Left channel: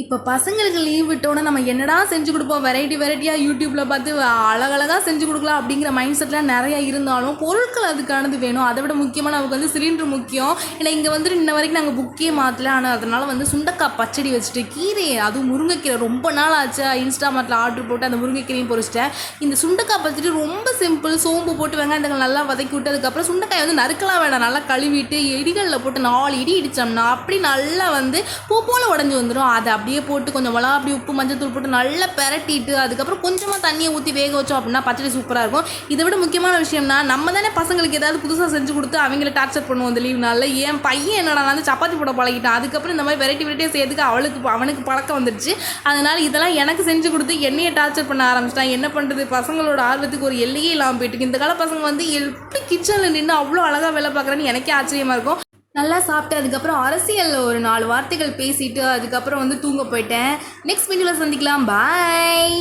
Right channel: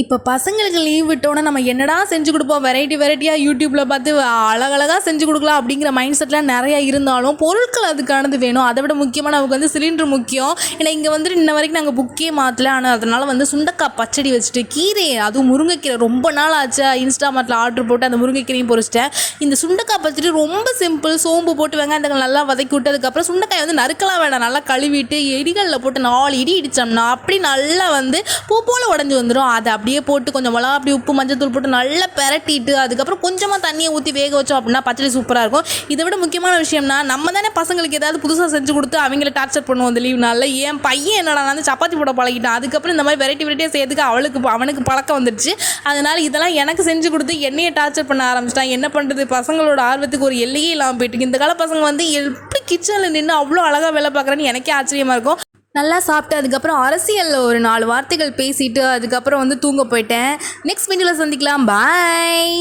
இப்போ பசங்களுக்கு லீவ் விட்டோன்னா நம்ம என்னடா செஞ்சு கொடுப்போம், வெரைட்டியாக யூடியூப்பில் பார்த்து அழகழகாக செஞ்சு கொடுக்கலாம் அப்படிங்கிற மைண்ட் செட்லாம் நிறையா இருந்தாலும் பொருட்கள் அதுக்கானது வேணும். அதை விட முக்கியமாக நமக்கு வந்து சிலிண்டர் முக்கியம். ஏன்னா இங்கே வந்துட்டு இன்ன வரைக்கும் நாங்கள் புக்கே மாற்றல. ஆனால் அதனால் வந்து சுண்டக்காய் பச்சடி வச்சுட்டு கீரை, அதுவும் முருங்கைக்கீரை ரொம்ப நாள் ஆச்சு இன்ஸ்டாமார்ட்டில் ஆர்டர் போட்டு அந்த முருங்கைக்கீரையும் பொரிச்சிட்டேன். இந்த சுண்டக்காய் பச்சடி ரொம்ப சிம்பிள். சோம்பு போட்டு வெங்காயத்துக்கு நல்லா வதக்கி விட்டு அதுக்கப்புறம் சுண்டக்காய் வந்து நறுக்கலாம் வேண்டாம், நல்லா கழுவிட்டு இடிகளில் போட்டு 4 இடி இடித்தோம்னா அப்படி நல்லா வந்து பூ போல் உடஞ்சி வந்துடும். அதை அப்படியே போட்டு கொஞ்சம் மிளகா அப்படி உப்பு மஞ்சத்தூள் போட்டு நல்லா பெரட்டிட்டு அதுக்கப்புறம் கொஞ்சமாக தண்ணியை ஊற்றி வேக வச்சோம் அப்படின்னா பச்சடி சூப்பராக இருக்கும். இதை விட முக்கியமான விஷயம்னா நம்ம தானே பசங்களுக்கு ஏதாவது புதுசாக செஞ்சு கொடுத்து அவங்கள டார்ச்சர் பண்ணுவோம் அந்த லீவ் நாளில். என் பையன் என்னடா வந்து சப்பாத்தி போட பழகிட்டான். அதுக்கப்புறம் இந்த மாதிரி வெரைட்டியாக செய்யறதுக்கு அவனுக்கு பழக்கம் வந்துடுச்சு. அதனால் இதெல்லாம் எனக்கு செஞ்சு கொடுத்து என்னையை டார்ச்சர் பண்ண ஆரம்பிச்சிட்டான். என்ன பண்ணுறது, பசங்களோட ஆர்வத்துக்கு ஒரு எல்லையே இல்லாமல் போயிட்டு இந்த கால பசங்க வந்து எப்படி கிச்சனில் நின்று அவ்வளோ அழகாக வேலை பார்க்குறேன்னு எனக்கே ஆச்சரியமாக இருக்கும். நல்லா சாப்பிட்டு அதுக்கப்புறம் அரசியலில் ஒரு 4 வார்த்தைகள் பேசிட்டு அதுக்கப்புறம் வந்து தூங்க போயிட்டேன். நெக்ஸ்ட் வீடியோவில் சந்திக்கலாம். பாய்.